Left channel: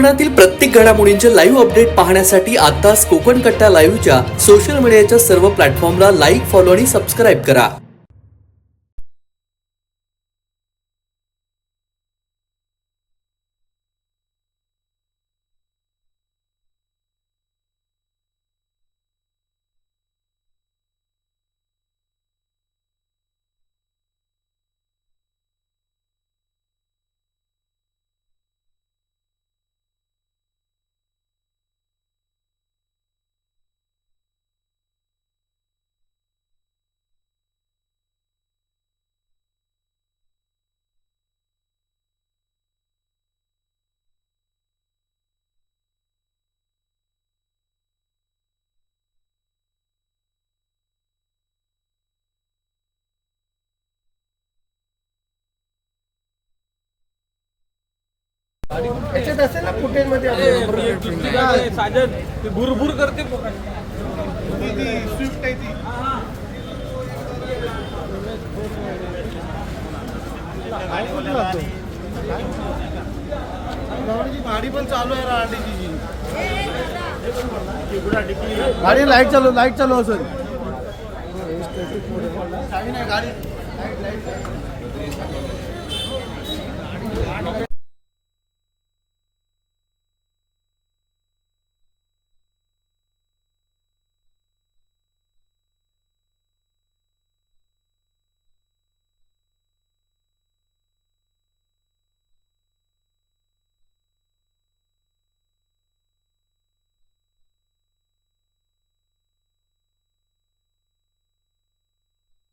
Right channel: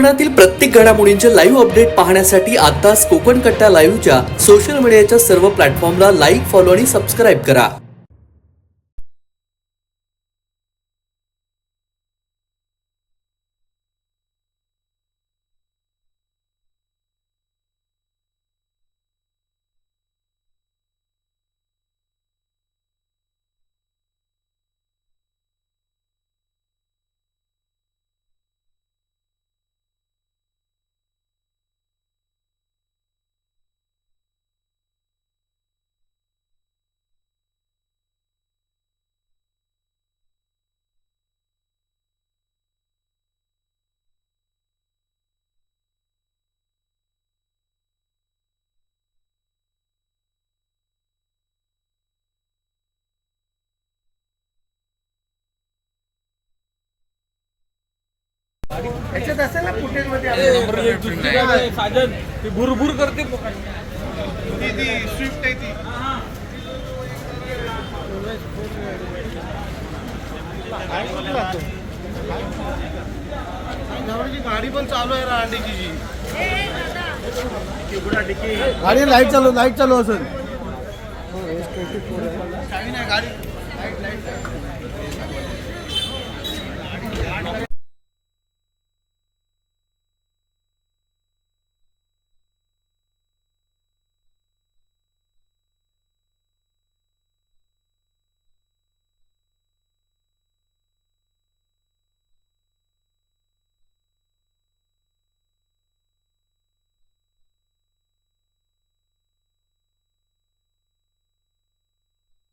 कोकणातील प्रत्येक घडामोडींचे लाईव्ह अपडेट पाहण्यासाठी आताच कोकण कट्टा लाईव्हच्या सोशल मीडियाच्या सर्व प्लॅटफॉर्मला लाईक फॉलो आणि सबस्क्राईब करा. याच्यात असेल ना फुटेजमध्ये साजन ती भुरभुर करते स्विफ्ट आहे ती. गावाची गाडी पण चालू आहे राहण्याची जी. गाडी लाइट चालू लाइट चालू असेल. गाडी. Light light.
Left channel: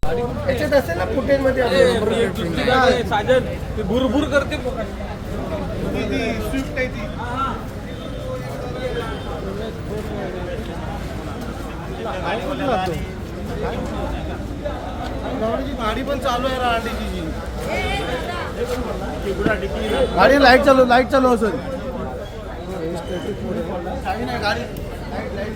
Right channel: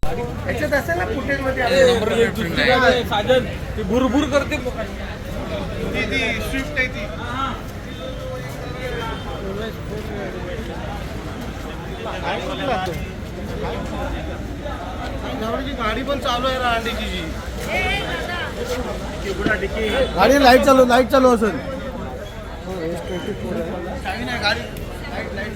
याच्यात असेल ना फुटेजमध्ये साजन? ती भुरभुर करते स्विफ्ट आहे ती गाडी पण चालू आहे राहण्याची जी गाडी लाइट चालू लाइट चालू असेल. काही नाही गाडी लाइट लाइट